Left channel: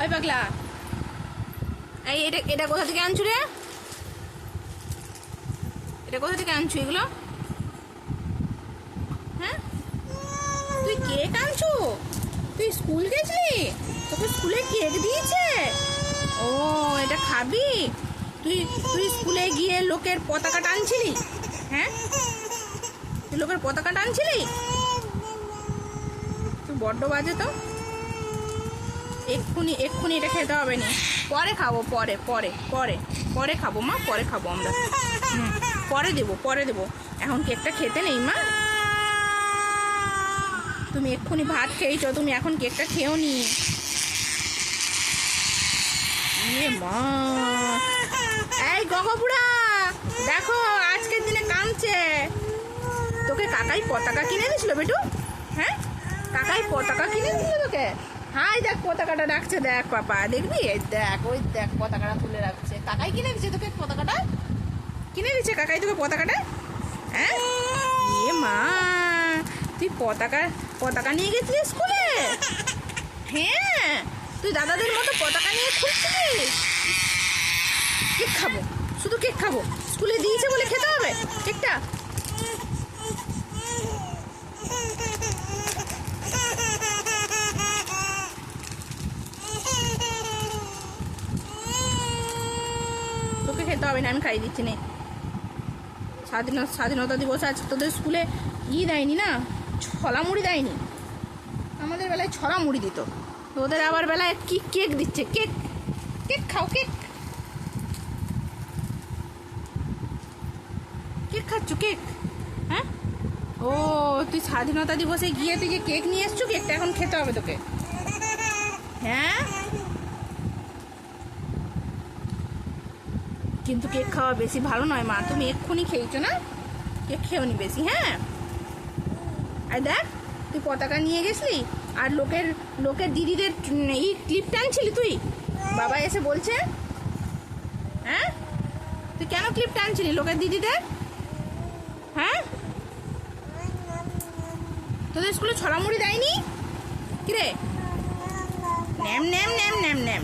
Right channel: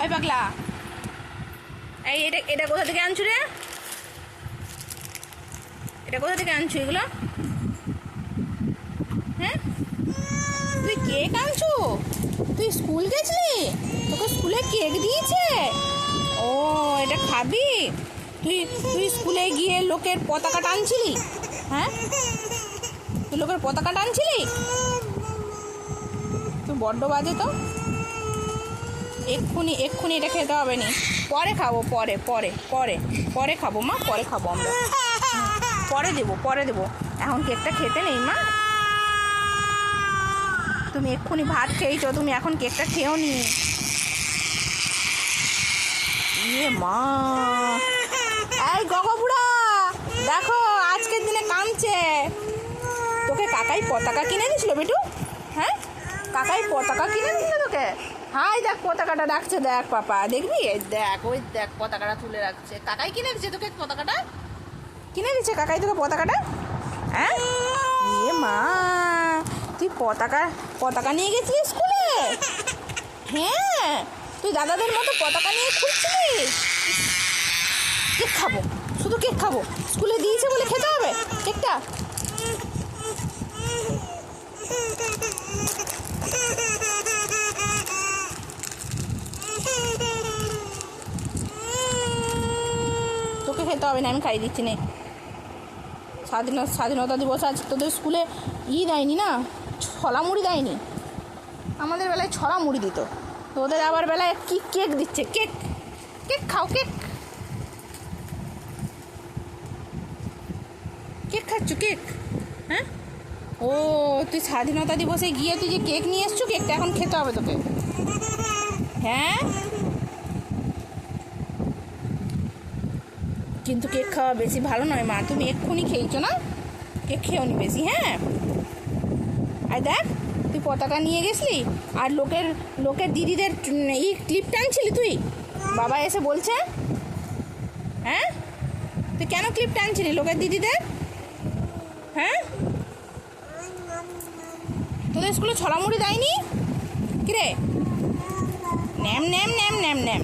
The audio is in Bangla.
ওই পাগলা, এই এটা এটা কোথা থেকে আনছু রে? এটা কোথা থেকে আনছু এগুলো? হ্যাঁ, তুই কেক আনছু? তুই স্কুল গেছিলি? তোকে স্কুলে কেক দিয়েছে? ও, এটা খাবি? তুই তুই স্কুলে গিয়ে লোকের পতাকা টানছিলি? হ্যাঁ, তুই লোকের পতাকা টানছিলি? তুই বড্ড বাজে তো। এক্ষুনি এক্ষুনি এটা খেতে হবে না, পরে খাবো, পরে পরে পরে পরে খাবো মা, পরে খাবো আমরা। পরে দেবো, পরে দেবো, এখন কেকটা খেতে নেই মা। তুমি এক্ষুনি ভাত খেয়েছো, তুমি এখন কেকটা খেও নি। ইয়ে মা, এই গগবুড়া, দেখো আজকের দিনে কাঁদছে। তোকে কাকাই পতাকা কিনে দিয়েছিল বেটু? হ্যাঁ, কাকাই পতাকা কিনে দিয়েছিল তোকে? হাই দেখ পতাকাটা রাখছে, দেখ পাপা, দেখবি? দেখ, ওই দেখ পতাকাটা তুলে রাখছে। কাকাই কিনে দিচ্ছে তোকে পতাকাটা? কিনে দিচ্ছে কাকাই তোকে পতাকাটা? হ্যাঁ, ইয়ে মা, তুই পতাকা পতাকা নিয়ে গেছিলি স্কুলে? হ্যাঁ, তুই দাদাদের মতো পতাকা নিয়ে খুঁজছিলিস? কেক খাবো, শুধু কেক খাবো, স্কুলে দিয়েছে বলে খেতে হবে কেকটা? তোকে খেতে হবে না, আমি খাইয়ে দিচ্ছি নে। স্বাধীনতা দিবস আজ তোদের স্কুলে দেয়নি না, ছলা মুড়ি দেয়নি। আমাদের বেলায় ছলা মুড়ি দিত, তোদের আবার বেলায় কি কেক দিচ্ছে? কেক, কেক খাও, কেক, কেক খাচ্ছ, কেক? হ্যাঁ, ও, তুই স্বাধীনতা দিবসে গিয়ে তুই যে কেক নিয়ে এসছো, কেকটা এখন খেতে হবে তোকে। হ্যাঁ, কিন্তু কেক খাওয়া বেশি ভালো নয় মা, তুমি এক্ষুনি খেয়েছো না, কেক খেও নি বেশি। হ্যাঁ, আর দেখ তুই পতাকা নিয়ে গেছিলি আর লোকের লোকের দিদিদের এই ক্লিপ টানছিলি তুই, বাবা এসে বলছে। হ্যাঁ, তুই কেন ক্লিপ টানছিলি লোকের দিদিদের? হ্যাঁ, তোদের স্কুলে ছড়ামুড়ি দেয়নি? কিরে, NAM NAM NAM NAM NAM.